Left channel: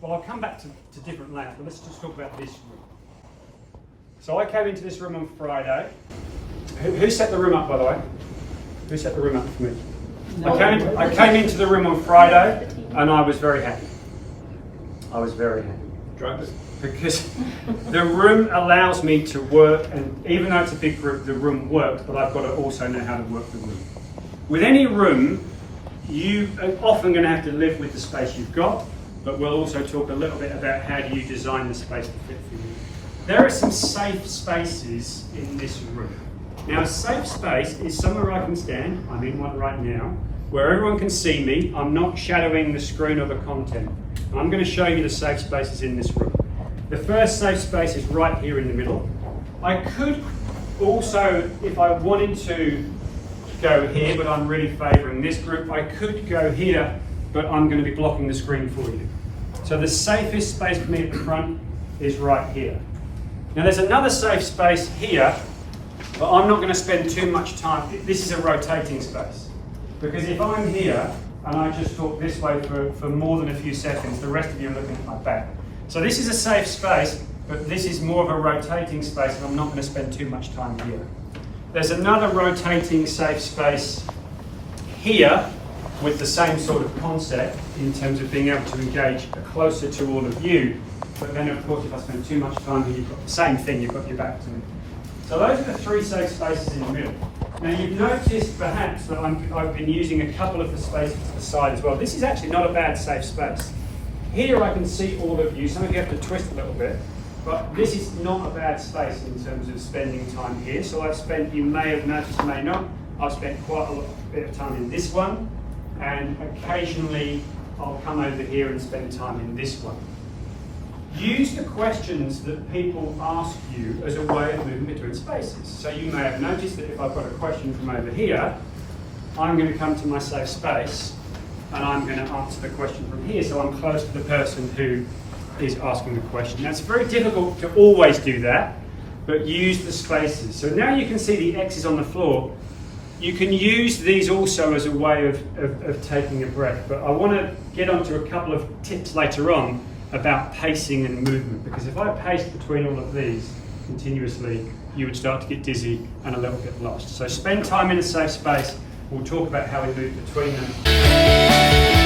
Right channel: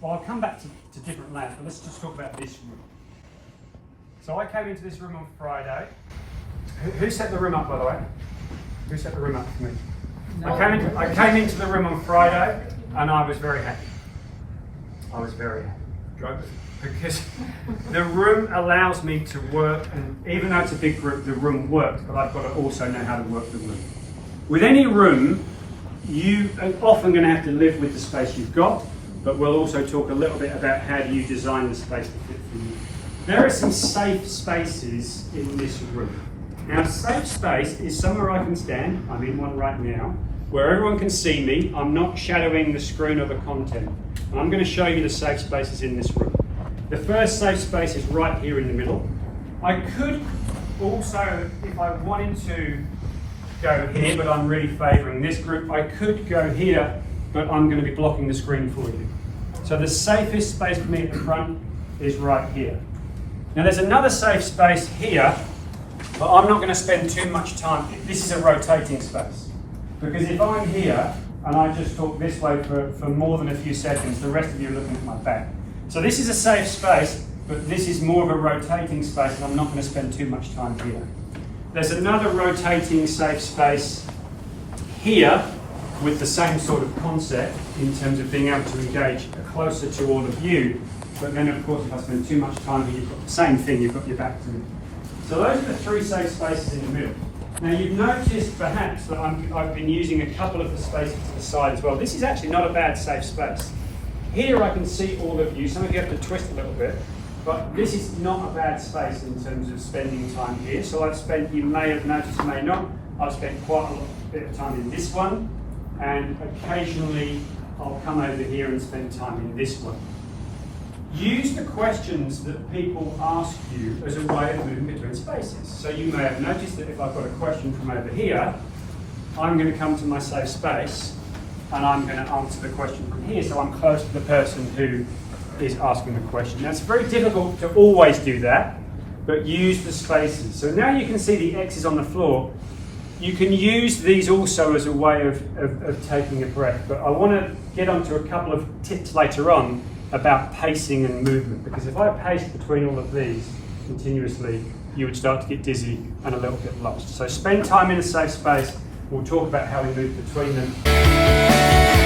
well, I'll come back to different layouts, but let's just talk about this room. So I came into this room on Friday. Who set the room up, by the way? Who set the room up for me? I came into the room on Friday and I was very happy. I was very happy. Because the room allows me to work, and even though it's a big group, the room works, but I've got to also know how to work the room. With any room, you are often going to have to live with the space you've got, but we'll also talk a little bit about how do you design the space to fit for you. There are some safe spaces in this room. Now, a safe space is somewhere I can stand. I'm in one right now, where everyone can see me. I'm not shadowing the screen or the content. And I'm going to show you the safe spaces in this room. The first safe space is right here in the middle. I could also, if I wanted to, go here, but I'm really favouring this group. I could go here, but I'm going to be blocking the screen for you. So the safest space for me at the front is right here. Now there's another safe space here, but I'm not going to spend too much time. This is a rotating space. Because if I'm here and I just talk this way for more than a few seconds, the rest of you are looking at my back. So this is a safe space, but this is more of a rotating space and I'm not going to spend too much time here. There's another rotating safe space here with the same sort of concept in terms of being able to engage closer to all of you. But then of course if I spend too much time here, you've got the same thing, you've got your back to me. So those are the three safe spaces in the middle. Now you've noticed perhaps that I've been using a couple of the spaces to the side as well. This is actually not a bad safe space. Here I can see all of you. Some of you have to twist a little bit, but this is not a bad space in terms of spending time here. So I've spent, you may have noticed, may not, I've spent quite a bit of time in this one, and occasionally I'll come over here and spend time in this one. Use the questions that people ask you as a way of moving between spaces. So you may have noticed that if I've got a question from over here, I'm going to come to my safe space and I'm going to answer the question from here, so I'm close to the person who is asking the question. Now it's very difficult to always do that, but use the spaces. So now you can see the X's on the floor. You can use these also as a way of taking a breath, but I want to get onto a couple of tips later on about pacing and movement, because if I paced between all of these continuously, you would start to get dizzy and a little bit lost. So spend time in a safe space. We'll talk about how we move between them.